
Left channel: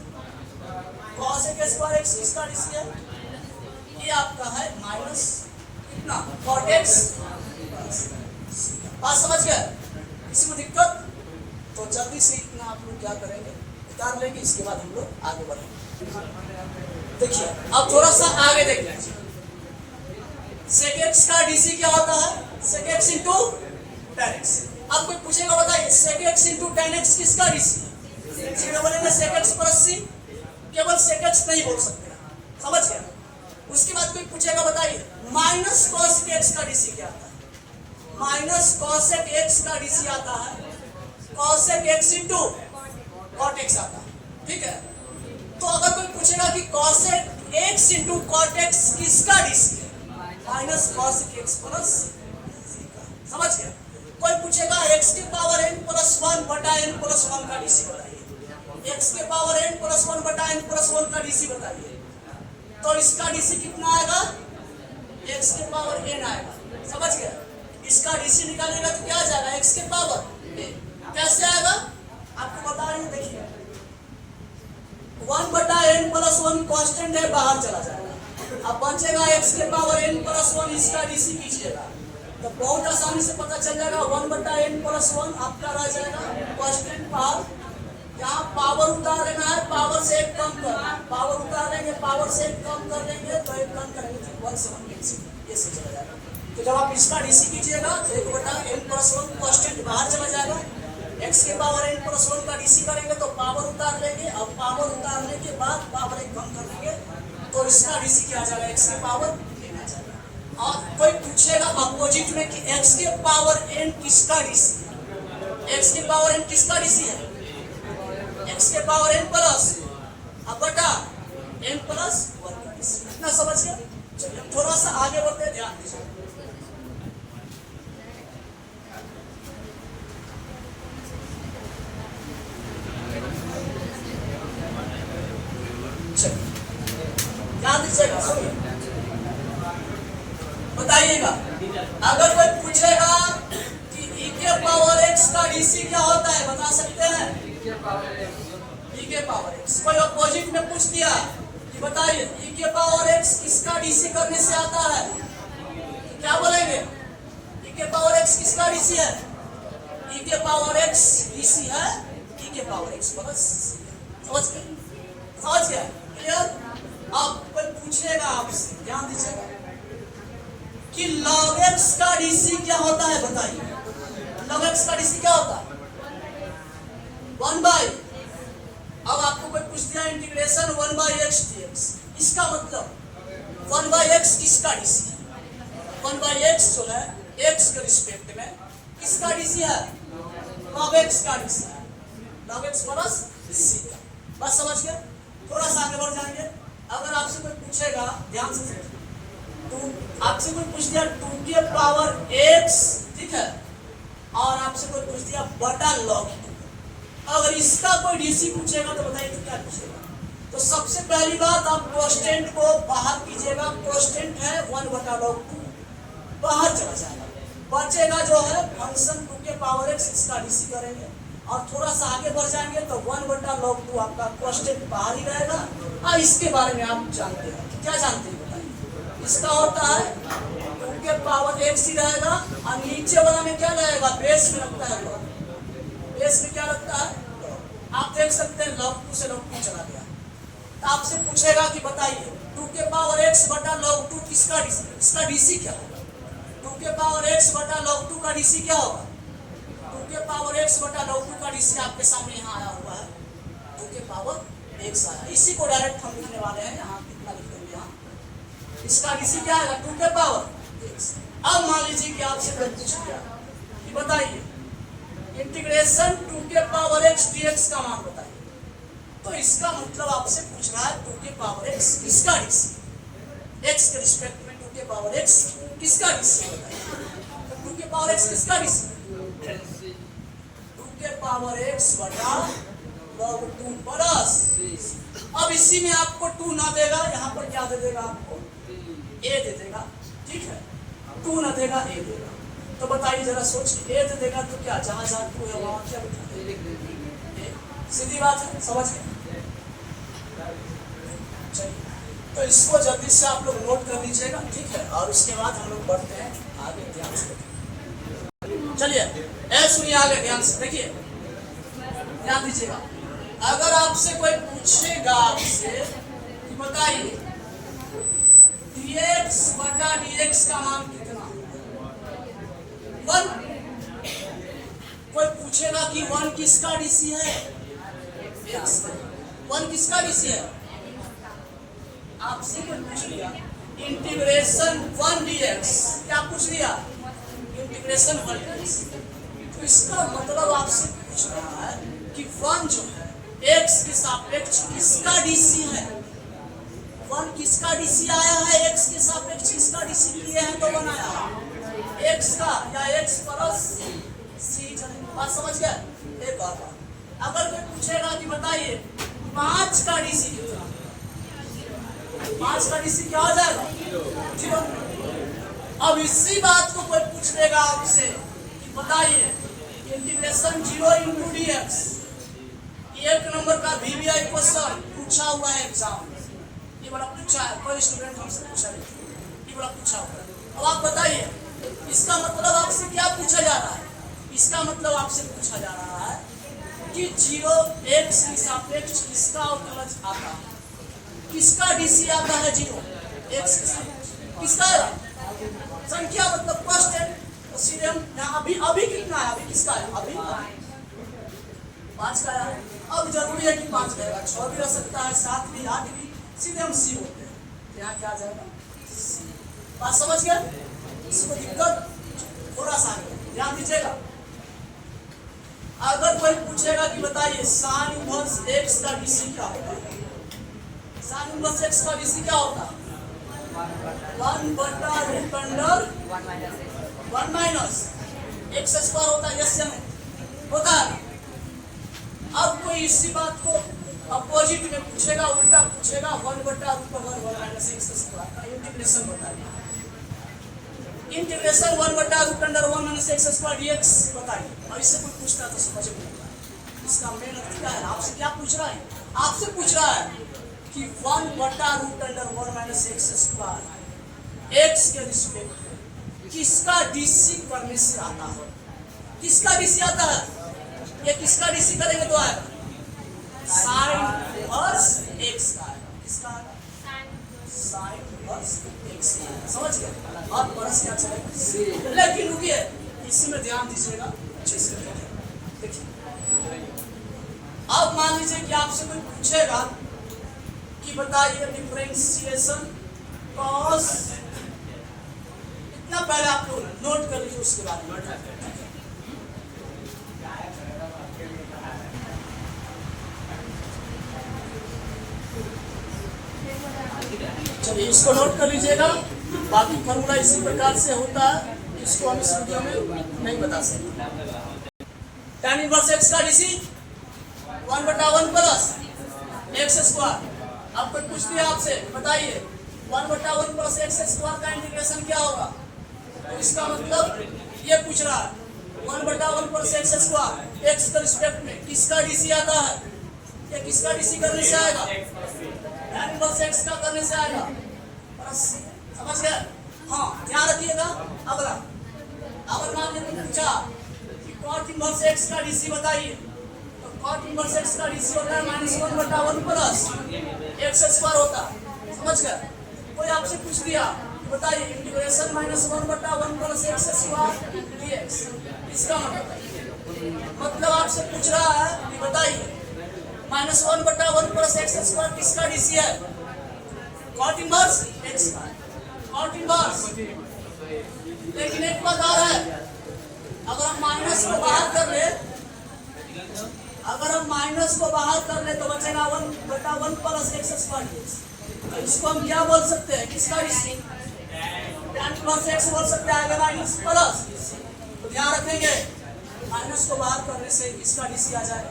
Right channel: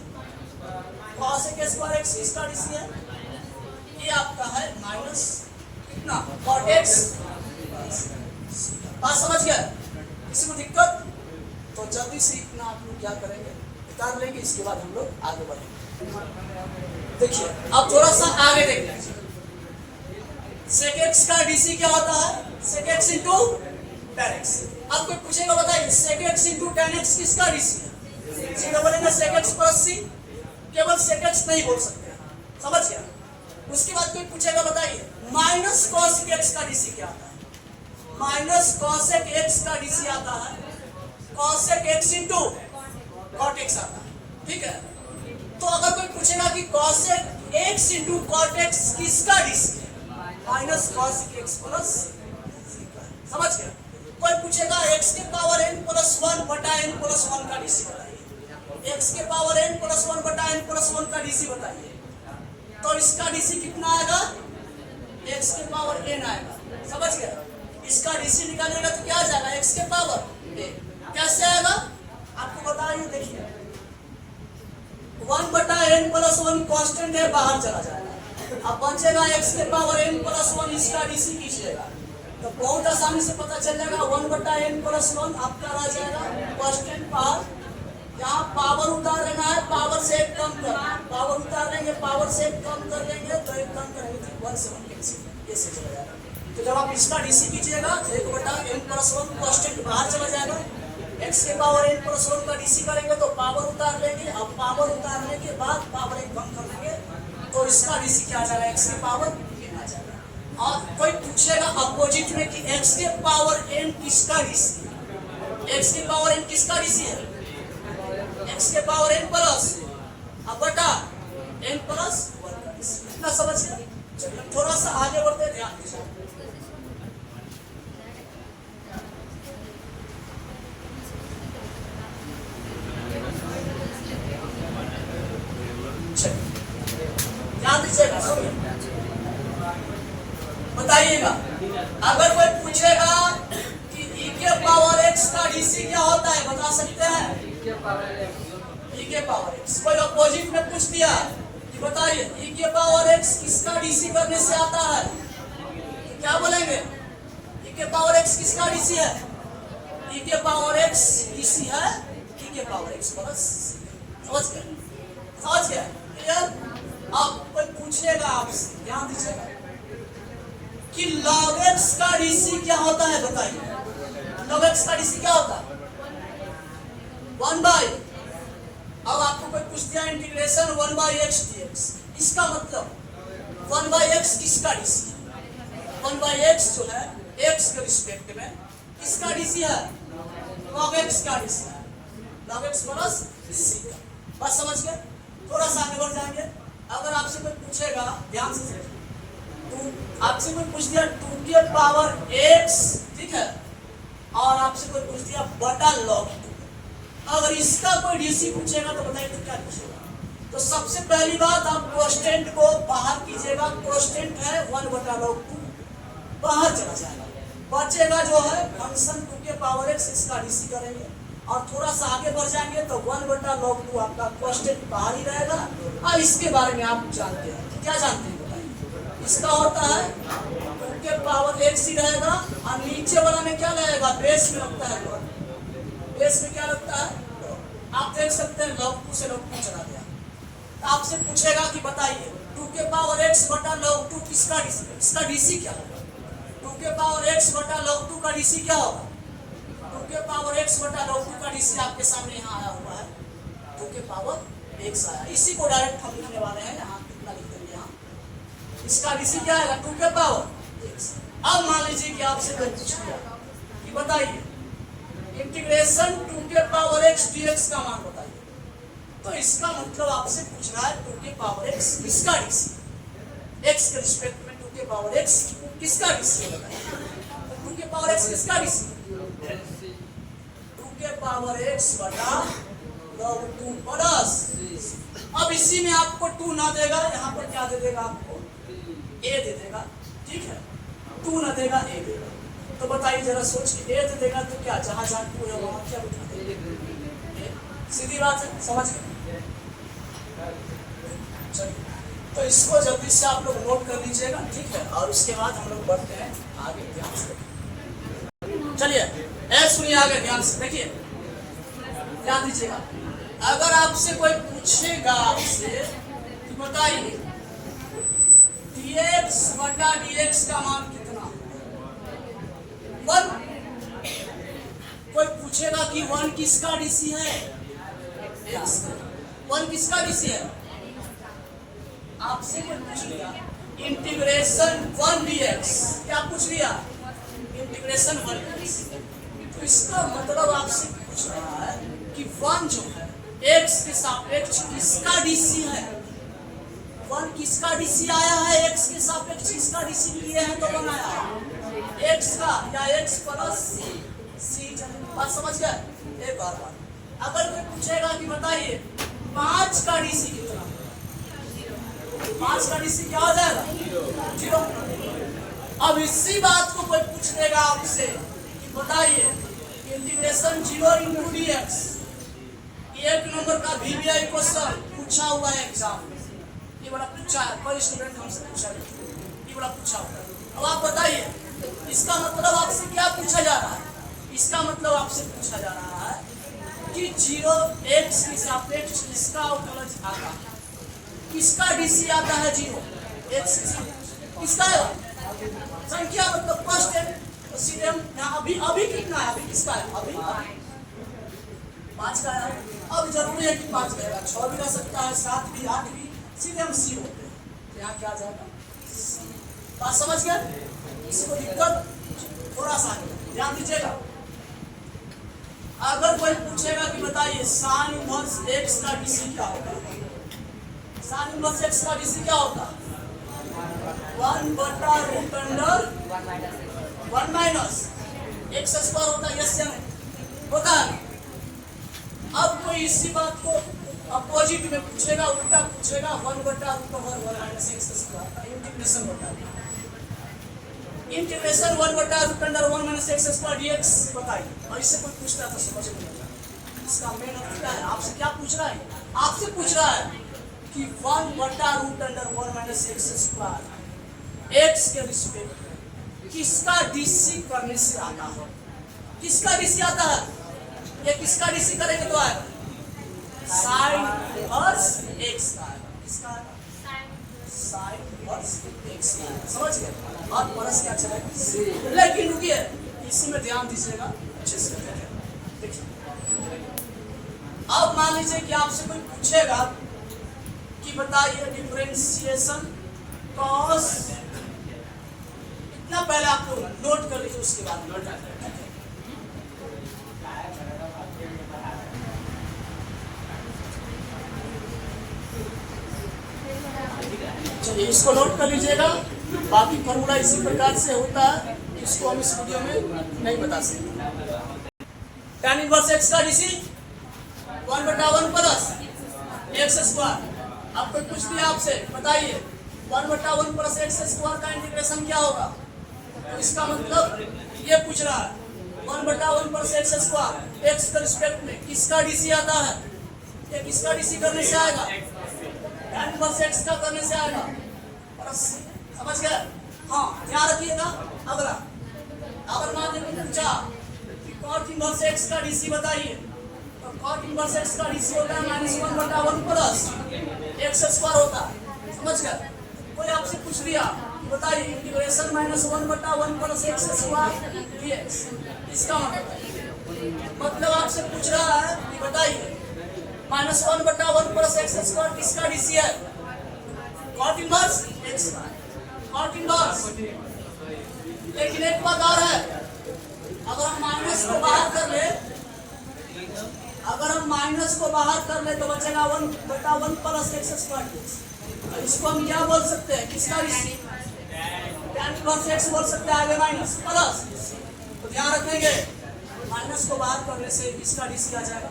cos x स्क्वायर x किसका डीसी है? ये आपका है माइनस कितना? cot x। बात समझ गए? किसी को दिक्कत? तो जल्दी से इतना आप लोग क्या करेंगे, उतार लेंगे, इसके बाद हम लोग आगे बढ़ेंगे। देखिए अब थोड़ा सा आगे देखिए, sec x का डीसी क्या होता है? sec x into tan x। अब कोई पूछेगा, बताइए sec x into tan x किसका डीसी है? सीधे बोलेंगे sec x प्लस c, केवल sec x नहीं बोल सकते। समझ गया? उसके बाद कोई पूछेगा, बताइए माइनस cos x का डीसी क्या आता है? माइनस cos x का डीसी आता है cos x into cot x आता है। ठीक है? तो अगर कोई पूछेगा कि cos x into cot x किसका डीसी है? Minus cos x plus. समझ गया? कोई पूछेगा x के पावर n प्लस 1 बटा n प्लस 1 का डीसी बताइए। x के पावर n प्लस 1 बटा n प्लस 1 का डीसी बताइए। तो इसका डीसी कितना आएगा? x के पावर n आएगा। समझ गए? इसका डीसी निकालेगा तो क्या आ जाएगा? x के पावर n। कैसे आएगा आपको बता रही हूँ, देखिए 1 बटा n प्लस 1 कांस्टेंट है, बाहर चला जाएगा। अब बचेगा x के पावर n प्लस 1, इसका डीसी कीजिएगा तो बहुत आसानी से पता चल जाएगा। 1 बटा n प्लस 1 आपका रह जाएगा कांस्टेंट पावर। यहाँ पावर उतार लेना है, पावर से एक कम करना है। पावर उतार लेंगे, पावर से एक कम कर लेंगे तो एक कम करेंगे तो 1 से 1 कैंसिल, ऐसे चला जाएगा। तो जब आप इसका डीसी कीजिएगा तो 1 बटा n प्लस 1 कांस्टेंट बाहर चला जाएगा। x के पावर n प्लस 1 का डीसी करेंगे तो पावर उतार लेंगे। अब पावर उतारने के बाद पावर एक कम कर लेंगे तो इसका डीसी क्या आ जाएगा? x के पावर n आ जाएगा। और कोई पूछेगा अपोजिट में कि x के पावर n किसका डीसी है? x के पावर n किसका डीसी है? x के पावर n प्लस अब बटा n प्लस 1 का डीसी। इतना समझ गया? चलिए थोड़ा सा आगे बढ़ते हैं, ध्यान दीजिए। ध्यान दीजिएगा, सुनिए, बताइएगा। अगर कोई पूछेगा कि e के पावर x का डीसी क्या होता है, बता सकते हैं? e के पावर x। कोई अपोजिट में पूछ दिया कि बताइए e के पावर x किसका डीसी करने से आता है, क्या बोलेंगे? e के पावर x किसका डीसी है? e के पावर x डीसी है e के पावर x प्लस। समझ गए? समझ गए? क्लियर? अब कोई पूछेगा आपसे, ध्यान दीजिएगा, कि log x का डीसी क्या होता है, बताइए। log x का डीसी क्या होता है? 1 बाई, अब आपको कोई पूछ दिया इंटीग्रेशन 1 बाई x dx, इसका मतलब 1 बाई x किसका डीसी है? 1 बाई x जो है x के रिस्पेक्ट में किसका डीसी है? log x का डीसी है, log x प्लस c का। बस समझ गए? थोड़ा सा आगे बढ़ जाएंगे। अगर आपसे कोई पूछेगा, ध्यान से तो आपसे कोई पूछ दिया 2 के पावर x, ठीक है, और आपसे कोई पूछ दिया बटा log 2, अगर इसका कोई डीसी पूछेगा तो बताइए तो क्या पूछेगा? तो सबसे पहली बात आप कांस्टेंट को बाहर कीजिएगा। कांस्टेंट है 1 बटा log 2, बाहर चला जाएगा। बचेगा जो है फंक्शन 2 के पावर x, इसका डीसी करेंगे और थोड़ा सा आगे बढ़ जाएंगे तो 1 बटा log 2 आपका कांस्टेंट बाहर ही रहेगा। और इसके बारे में आप जानते हैं, क्या जानते हैं बताइए? इसका होता है 2 के पावर x ही रहेगा और नीचे वाला में क्या रहेगा? बेस में लगता है log। बेस में क्या लगता है? आप देख सकते हैं log 2 से log 2 चला गया। तो आपसे पूछेगा कि बताइए 2 के पावर x बटा log 2 किसका डीसी? इसका डीसी क्या होगा? 2 के पावर x बटा log 2 का डीसी क्या होगा? 2 के पावर x बटा log 2 का डीसी आपके सामने यहाँ आया हुआ है, 2 के पावर x आया। इसी को डायरेक्ट हम लिखने वाले हैं, यहाँ कितना लिख देंगे यहाँ। इसका डीसी क्या आएगा? 2 के पावर x। अब मान लीजिए कि आपसे कोई पूछ दिया कि बताइए इंटीग्रेशन 2 के पावर x dx का मान बताइए, तो इसका मतलब आपसे पूछ रहा है 2 के पावर x किसका डीसी? x के रिस्पेक्ट में 2 के पावर x किसका डीसी है बताइए? 2 के पावर x किसका डीसी? 2 के पावर x बटा log 2 प्लस। अब इसी में आपको 2 ना देगा, यहाँ पर क्या दे देगा? आपको a दे देगा, ठीक है। 2 ना देगा, a देगा। तो बताइए जरा सोचिए, a दे देगा तो क्या, जहां जहां 2 है वहां क्या लिखा देगा? सीधी बात है, समझ गए? चलिए तो इसको जल्दी से आप लोग नोट कर लीजिएगा, ठीक है, और उसके बाद हम लोग बढ़ते हैं आगे, ध्यान से। चलिए ए सुनिए आगे ध्यान से, देखिए ध्यान दीजिएगा। अगर आपसे कोई पूछेगा आपसे कि बताइए dx बटा dx का मान कितना? 1। कोई पूछेगा कि 1 किसका डीसी है? 1 किसका डीसी है? आपसे कोई पूछ लिया इंटीग्रेशन 1 dx, क्या पूछ लिया? Integration 1 dx। तो इसका मतलब आपसे पूछ रहा है कि 1 जो है x के सापेक्ष किसका डीसी है? 1 किसका डीसी आया है? x के सापेक्ष किसका डीसी लिए हैं तो बनाया x का, या x प्लस सी चलेगा। बात समझ गए? एक और बात, अगर कोई पूछेगा कि बताइए 5 का डीसी कितना, 5 का डीसी क्या हो जाएगा? 0। अब इसी बात को कोई पूछ लेगा आपसे कि बताइए integration 0 into D x, 1 number का VBI क्वेश्चन पूछा हुआ है एग्जाम में, ये बड़ा पूछा है, कोई स्टूडेंट हमसे पूछा है, ये बड़ा पूछा हुआ है। अब आप बताइए इसका मतलब आपसे क्या पूछा जा रहा है? इसका मतलब आपसे पूछा जा रहा है कि 0 x के सापेक्ष किसका अवकलज आता है, किसका डीसी आता है 0 x के सापेक्ष, किसका है? संख्या मतलब फर्स्ट है, सीधे हम अभी कितना है, अभी किसका है? अभी 5 का है। अब जरूरी है कि 5 रहेगा, 6 भी रह सकता है, 7 भी, 8 भी, सीधे हम सी होते हैं, यहाँ क्या आ जाएगा? बात समझ गए? इसको दिक्कत थोड़ा सा ध्यान दीजिएगा। अगर कोई पूछेगा कि बताइए साइन इनवर्स x का डीसी क्या होता है, साइन इनवर्स x का डीसी क्या होता है? 1/√1 माइनस x स्क्वायर होता है, यस या नहीं? होता है। अब कोई इसी बात को अपोजिट में पूछेगा, उल्टा पूछेगा, 1/√1 माइनस x स्क्वायर का इंटीग्रेशन बताइए, integration 1/√1 minus x square dx बताइए। और इससे कोई पूछता है तो समझ में नहीं आता इसका मेन अर्थ क्या है। आपसे क्या पूछ रहा है? आपसे पूछ रहा है कि 1/√1 माइनस x स्क्वायर x के रिस्पेक्ट में किसका डीसी करने से आता है, किसका डीसी आता है? ये किसका डीसी करेंगे तो आएगा साइन इनवर्स x का आएगा, किसका आएगा? साइन इनवर्स x का आएगा। समझ गए? और परस क्या चलेगा? लेकिन रुकिए, इसी में ध्यान दीजिएगा अच्छे से। देखिए अब मान लीजिए कि आपसे कोई पूछेगा कि बताइए डिफरेंशिएशन कॉस, इतना पहले आप लोग नोट कर लीजिए, उसके बाद चलिए इसको नोट कर लीजिएगा। बाकी फॉर्मूला इसी प्रकार से होता है, इसको हम इस वीडियो में नहीं बता सकते। tan इनवर्स x का डीसी 1/1 प्लस x स्क्वायर। अब कोई पूछ दिया आपसे बताइए 1/1 प्लस x स्क्वायर का इंटीग्रेशन क्या होगा, तो इसका मतलब ये पूछ रहा है 1/1 प्लस x स्क्वायर x के रिस्पेक्ट में किसका डीसी आता है, ये किसका डीसी करने से आएगा? tan इनवर्स x का करने से आएगा। समझ गए? हाँ, ध्यान रखिएगा। अगला, अगर मान लीजिए पूछा कि cot इनवर्स x का डीसी बताइए, तो cot इनवर्स x का डीसी होता है -1/1 प्लस x स्क्वायर होता है। समझ गए? कोई आपसे पूछ दिया कि बताइए integration -1/1 plus x square dx, इसका मतलब आपसे पूछ रहा है कि बताइए -1/1 प्लस x स्क्वायर किसका डीसी है? cot इनवर्स x का, cot इनवर्स। लेकिन एक बात और है, अगर हम माइनस को बाहर कर ले, अगर हम माइनस को बाहर कर ले तो बचेगा 1/1 प्लस x स्क्वायर। इसको हम क्या बोल सकते हैं, किसका डीसी? tan इनवर्स x बोल सकते हैं, आगे माइनस प्लस। तो ध्यान रखेंगे माइनस को बाहर करने से किसका डीसी आ जाएगा?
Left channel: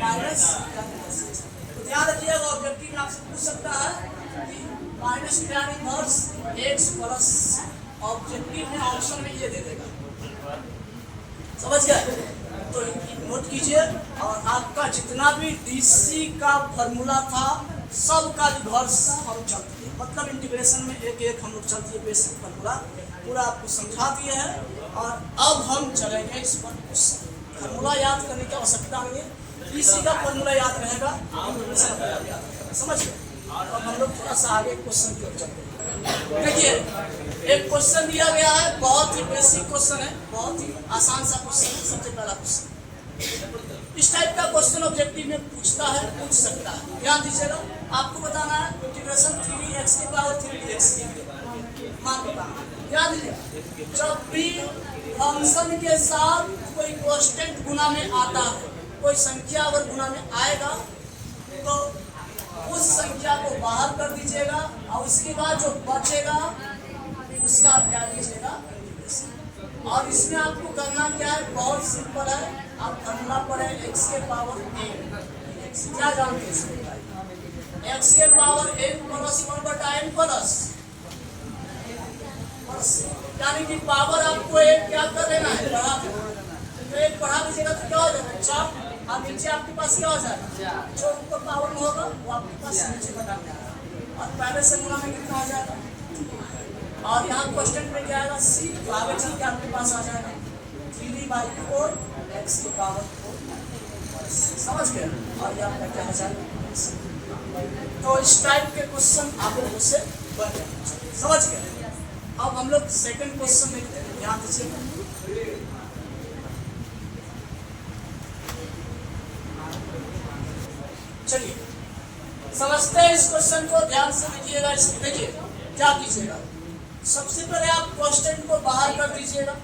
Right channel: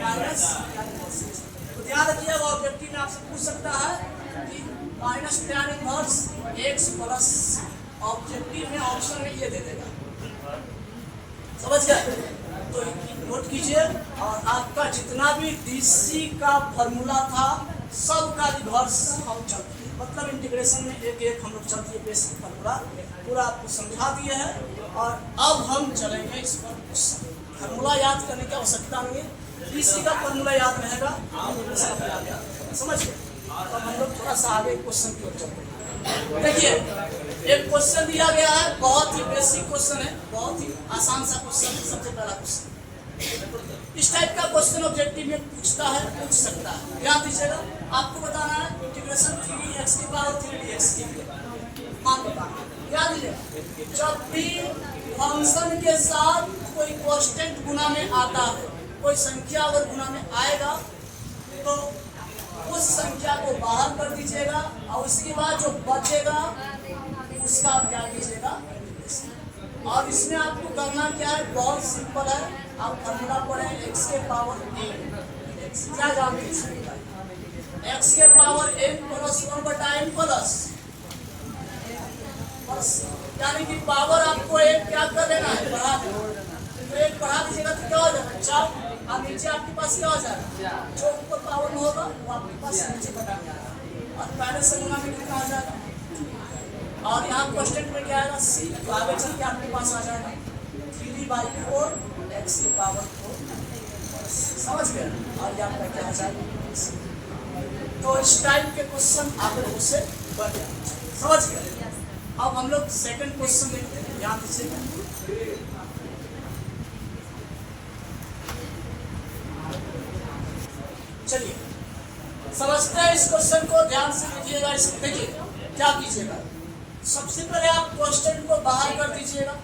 Minus tan inverse x। तो ध्यान रखिएगा, ऑब्जेक्टिव में आपसे पूछ सकता है कि minus tan inverse x plus, objective में ऑप्शन में ये दे देगा। समझ गए? तो नोट कीजिए। और आपका जितना भी डीसी का फॉर्मूला था सबका रिवर्स हम चलते हैं, मतलब इंटीग्रेशन में एक एक हम लोग चलते हैं, बेसिक फॉर्मूला पूरा आपको समझा दिए हैं। और अब हम चलेंगे इस पर क्वेश्चन। फॉर्मूला याद करने की आवश्यकता नहीं है, डीसी का फॉर्मूला याद रहेगा, इंटीग्रेशन अपने आप याद रहेगा। समझ गए? अब हम लोग थोड़ा सा आगे क्वेश्चन की ओर चलते हैं। देखिए एक क्वेश्चन दिया गया है, बहुत ही बेसिक क्वेश्चन है, बहुत ही आसान सा क्वेश्चन है। सबसे पहला क्वेश्चन, इस टाइप का क्वेश्चन ऑब्जेक्टिव में पूछता है, पूछ सकता है। ध्यान दीजिएगा, आपको बताना है इंटीग्रेशन 3x की पावर 3dx की मान बताना। ध्यान दीजिएगा, जब भी फंक्शन के साथ कोई कांस्टेंट गुना में आता है, कोई संख्या अगर गुना में आएगा तो उस संख्या को बाहर कर दीजिएगा और उसके बाद जो बचेगा उसका क्या कीजिएगा? और इसमें आपको करना क्या है, बहुत सिंपल है। आप फॉर्मूला पढ़े x के पावर n, x क्या जानते हैं, x के power n plus 1/n plus, यानी कि पावर आपको एक क्या कर लेना है, बढ़ा देना। तो एक बढ़ा दीजिएगा तो क्या हो जाएगा, चाप, और नीचे आपके पास क्या हो जाएगा, जो ऊपर पावर में होगा वो आपके पास नीचे बटा में आएगा, और पहले से गुना में कितना हो जाएगा। और यहाँ क्वेश्चन में क्या आएगा, सी, तो आगे चल के आपके पास आ जाएगा 3/4 x के पावर 4, समझ गए। और ये आपका क्या हो जाएगा। तो इस टाइप के क्वेश्चन आप लोगों से बन जाए, समझ गए। अब हम लोग सेकंड क्वेश्चन देखते हैं, ध्यान दीजिएगा। चलिए समझते हैं इस क्वेश्चन को, ध्यान से देखिएगा। इसमें देखिए क्या कीजिएगा, सबसे पहले आप क्वेश्चन को बाहर कर दीजिएगा,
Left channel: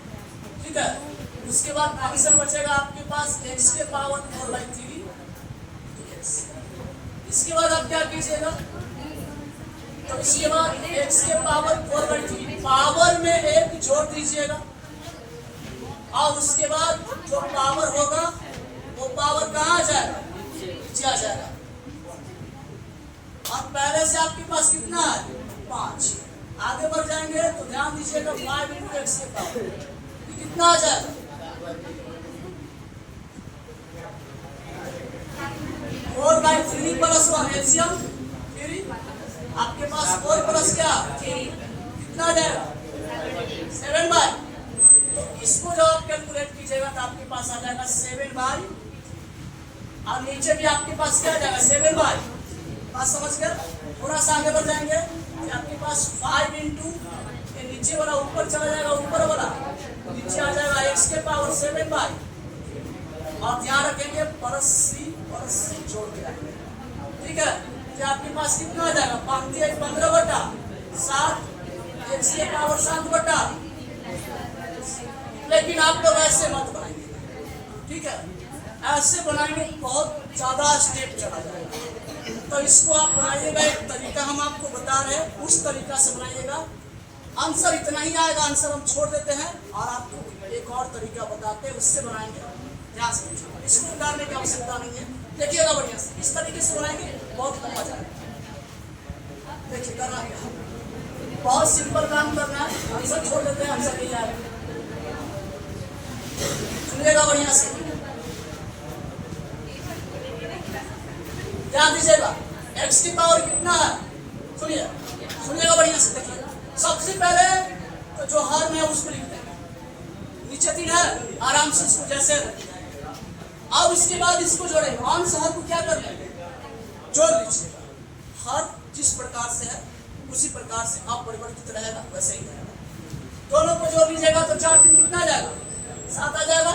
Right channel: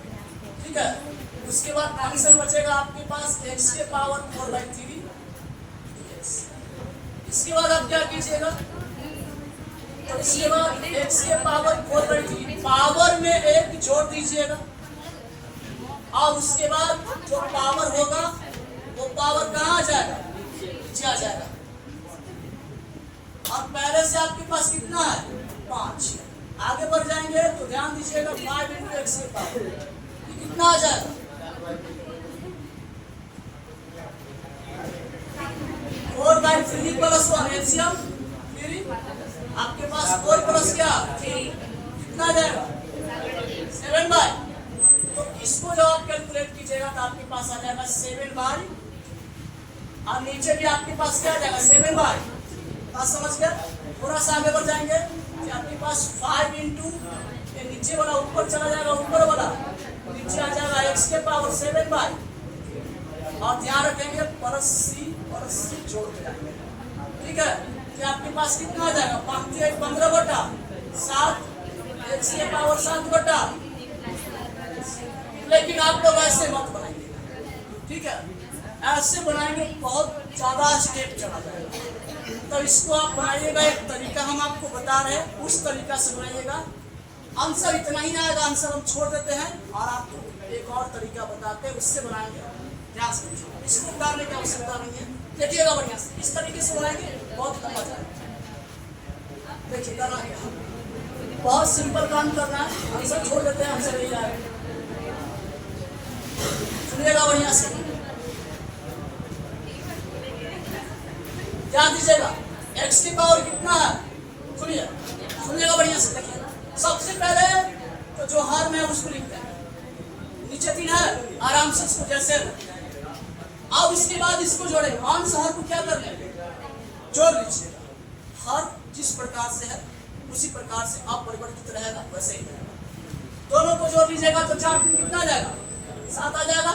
ठीक है। उसके बाद आंसर बचेगा आपके पास x के पावर 4/3। इसके बाद आप क्या कीजिएगा, तो इसके बाद x के पावर 4/3 पावर में एक जोड़ दीजिएगा, और उसके बाद जो पावर होगा वो पावर कहाँ आ जाएगा, नीचे आ जाएगा। और पहले से आपके पास कितना है, 5। आगे बढ़ जाएंगे तो ध्यान दीजिएगा, 5 × x के पावर ये कितना आ जाएगा, 4/3 प्लस 1 एलसीएम 3, आपके पास 4 प्लस क्या 3, कितना आ जाएगा 7/। तो इसको जब आप कैलकुलेट कीजिएगा तो आपके पास आ जाएगा 7/, और नीचे भी आपके पास क्या आ जाएगा 7/। बात समझ गए। थोड़ा सा आगे बढ़ जाएंगे कि आपके पास 5 × ये नीचे वाला ऊपर चला जाएगा, ऊपर वाला नीचे आ जाएगा x के पावर 7/। और ध्यान रखेंगे प्लस c जोड़ के रखेंगे, ठीक है। कि आपके पास कितना आ जाएगा, 15/7 x के पावर 7/। लेकिन आप लोग ऐसे मत बनाएंगे, ठीक है। ऐसे बनाएंगे बहुत ज्यादा स्टेप चढ़ा जाएगा। तो इसको आप बनाइएगा, एक तरीका हम आपको बता रहे हैं, उस तरीका से बनाइएगा। आंसर इतना ही आएगा, आंसर हम छोड़ देते हैं और आपको एक और तरीका बताते हैं, उससे बनाएंगे। ध्यान से इसको उतारने की आवश्यकता नहीं है, देखिएगा बढ़िया से। इस तरीके से बनाएंगे बहुत लंबा जाएगा। देखिए करना क्या, बहुत सिंपल काम करना है, आंसर छोड़ देते हैं, आंसर नहीं जाएगा। सुनिएगा बढ़िया से, ध्यान दीजिएगा। x की पावर कितना है, सुनिएगा बढ़िया से। देखिए सबसे पहले तो जो हर है उसको लिखते हैं, नीचे 3 है, आराम से इसको जैसे। अब इसके बाद इसको जोड़ेंगे, अंश हर को क्या करना है, जोड़ लीजिएगा। हर जिस प्रकार से है उसी प्रकार से अपरिवर्तित रहेगा, वैसे ही रहेगा। दोनों को जोड़ लीजिएगा तो 4 3 कितना आ जाएगा, 7 आ जाएगा।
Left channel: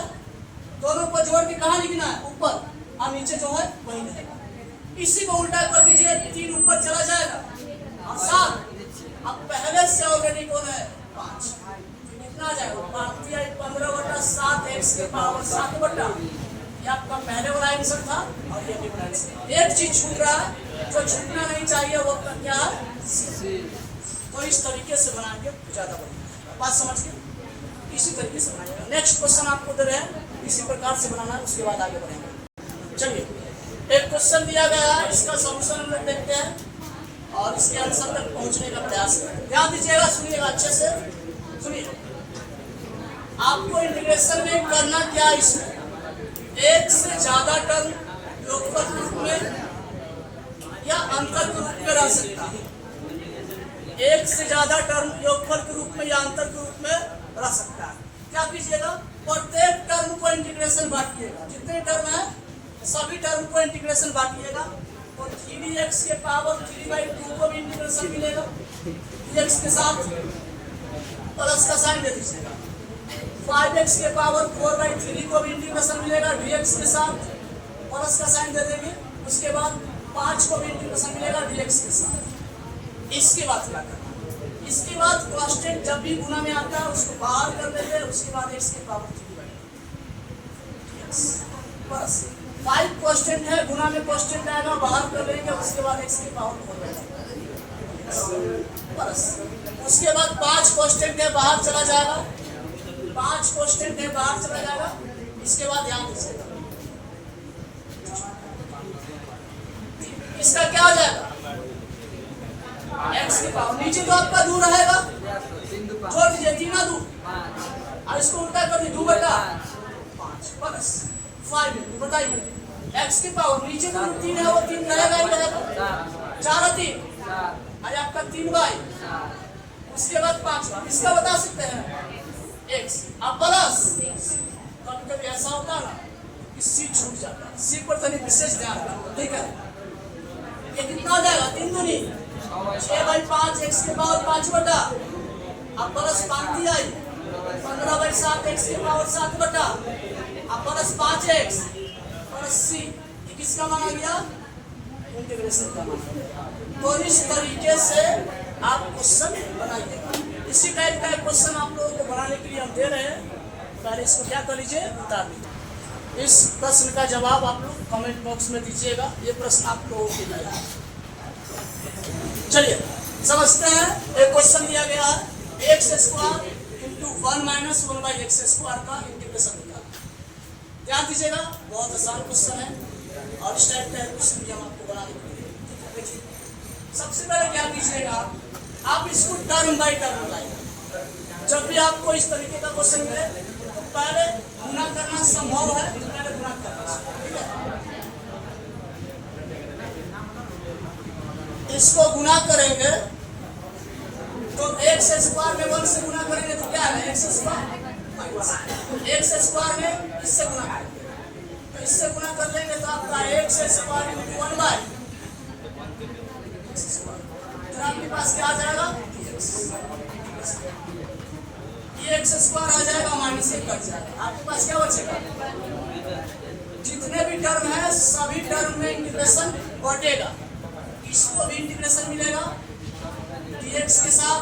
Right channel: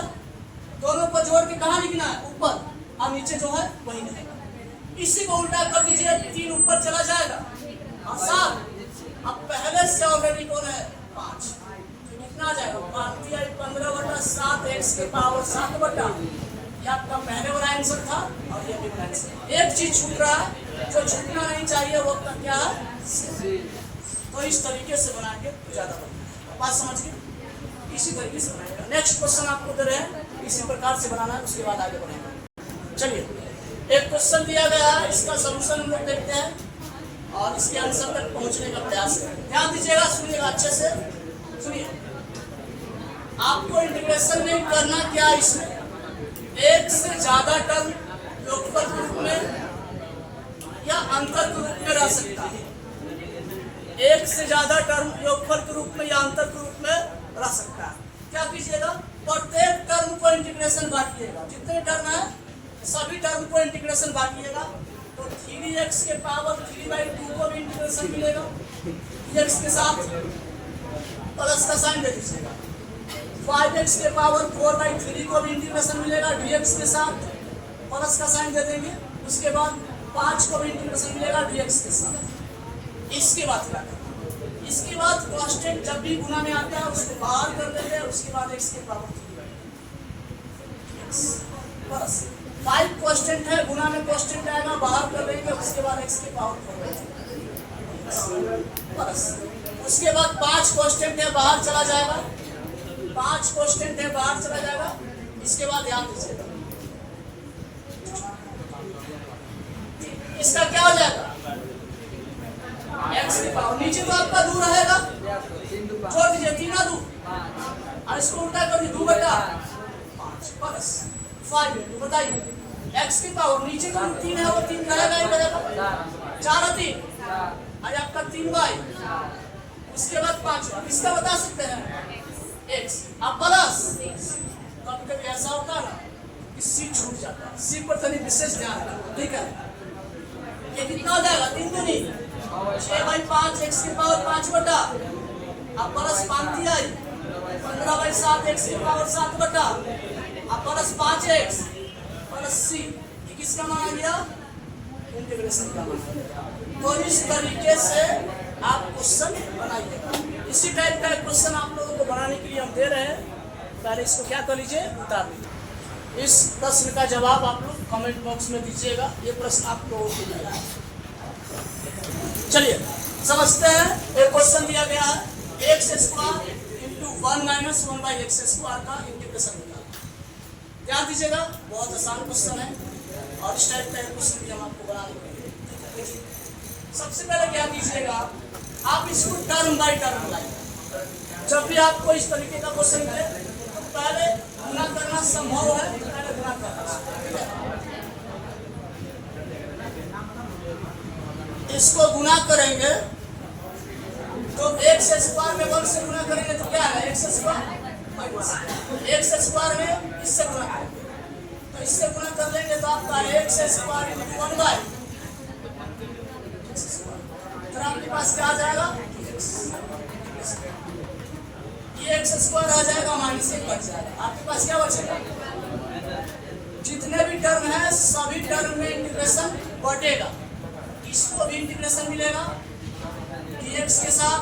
दोनों को जोड़ के कहाँ लिखना है, ऊपर, और नीचे जो है वही रहेगा। इसी को उल्टा कर दीजिए, 3 ऊपर चला जाएगा और 7। अब पहले से ऑलरेडी कौन है, 5, तो कितना आ जाएगा, 15/7 x के पावर 7/। ये आपका पहले वाला आंसर था, और ये भी आंसर। एक चीज छूट रहा है, जो छूटना नहीं चाहिए वो क्या है। तो इस तरीके से बना के ज्यादा बढ़िया, बात समझ गए। इसी तरीके से बनाइएगा। नेक्स्ट क्वेश्चन आपको दे रहे हैं, इसी प्रकार से बनाना है, उसके बाद आगे बढ़ेंगे। चलिए एक क्वेश्चन दिया गया है, इसका सॉल्यूशन हम लोग देखते हैं और इसके आंसर तक पहुंचने का प्रयास करें। ध्यान दीजिएगा, सुनिएगा अच्छे से, सुनिए। आपको इंटीग्रेशन में करना क्या, इसमें एक से ज्यादा टर्म योगफल के रूप में या अंतर के रूप में रह सकता है। एक से ज्यादा टर्म योगफल के रूप में या अंतर के रूप में रह सकता है। क्या कीजिएगा, प्रत्येक टर्म को इंटीग्रेशन बांटिएगा, जितने टर्म है सभी टर्म को इंटीग्रेशन बांटिएगा। तो 3x के पावर 3/2 को भी इंटीग्रेशन मिलेगा, x के साथ प्लस का साइन दे दीजिएगा। 5x के पावर 4/3 को भी इंटीग्रेशन मिलेगा, dx के साथ प्लस का साइन दे देंगे। उसके बाद 5 को भी इंटीग्रेशन मिलेगा dx के साथ। इसके बाद क्या करना, इसके बाद कांस्टेंट जब भी गुना में आता है उसको बाहर कर देंगे। उसके बाद x के पावर 3/x प्लस 5 कांस्टेंट है, गुना में कांस्टेंट आएगा, बाहर कर देंगे। उसके बाद x के पावर 4/3 प्लस, उसके बाद 5 कांस्टेंट है, बाहर चला जाएगा, 5 क्वेश्चन है बाहर चला जाएगा। इसके बाद ध्यान दीजिएगा, इसका क्या हो जाएगा, x की पावर नीचे तो आपका 2 रहेगा, जोड़ दीजिए 3 2 और इसको उल्टा कर दीजिए 2/5 प्लस 5 बताइए x की पावर नीचे का 3 है वो 3 रहेगा ही रहेगा, 4 और 3 और आपका 3 बाई उसके बाद 5 बार इसका बता सकते हैं x। अब प्लस कभी कभी ऐसा होता है ना कि सी छूट जाता है, सी पर तनी विशेष ध्यान रखो, ठीक है। ये कितना हो जाएगा 3 दूनी 6/5 x की पावर 5 बटा, अब प्लस 5 दिया 15/7 x की पावर 7 बटा, अब प्लस 5x प्लस c, किसका मान आ गया, इंटीग्रेशन का मान। तो इस तरीके से आप क्वेश्चन बनाइए। इसी टाइप का क्वेश्चन आप लोगों को बनाने के लिए हम दे रहे हैं, पहले इसको क्या कर लीजिए, उतार लीजिए। इस प्रश्न का जवाब आप लोग कमेंट बॉक्स में दीजिएगा, ये प्रश्न आप लोगों को दिया है। चलिए समझते हैं, एक क्वेश्चन दिया गया है x² इंटू 1 माइनस 1/x² का इंटीग्रेशन निकालें। ध्यान दीजिएगा, बहुत आसान क्वेश्चन है और इस टाइप का क्वेश्चन भी हम आपको बनाने के लिए देखिए। सबसे पहले क्या कीजिएगा, आप इसको टर्म बाय टर्म लाइए। जब भी आपको इस तरीके का क्वेश्चन मिले तो पहले गुना करना संभव है, पहले गुना करना, इसको गुना करेंगे तो x² में 1 से गुना करेंगे तो क्या है x², x² में इससे गुना करेंगे तो इससे गुना कर लेंगे तो आपका x² इंटू 1 बाई, तो आपके पास क्या आ जाएगा, ये x² आ जाएगा माइनस 1 कट जाएगा, आपके पास क्या बचेगा, जितने भी टर्म है सभी टर्म में इंटीग्रेशन बढ़ेगा, इसको भी इंटीग्रेशन मिलेगा dx के साथ,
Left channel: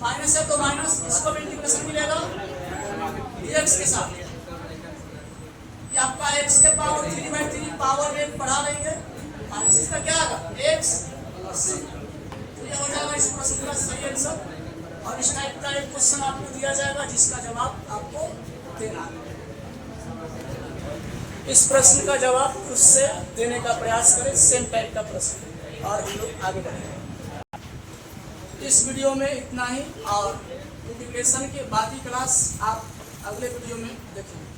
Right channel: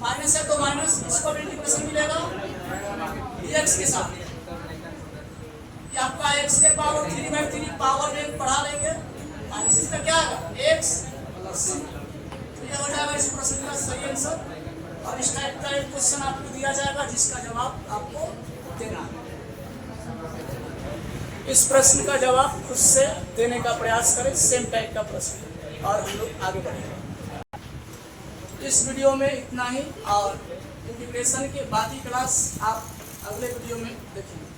माइनस है तो माइनस, इसको भी इंटीग्रेशन मिलेगा dx के साथ। ये आपका x के पावर 3/3 पावर में बढ़ा लेंगे, माइनस इसका क्या आएगा x प्लस c, तो ये हो जाएगा इस प्रश्न का सही आंसर। और इस टाइप का एक क्वेश्चन आपको दिया जाएगा जिसका जवाब आपको देना है। इस प्रश्न का जवाब खुद से देने का प्रयास करें, सेम टाइप का प्रश्न, और हम लोग आगे बढ़ेंगे। इस वीडियो में इतना ही, और इंटीग्रेशन के बाकी क्लास आप अगले वीडियो में देखेंगे।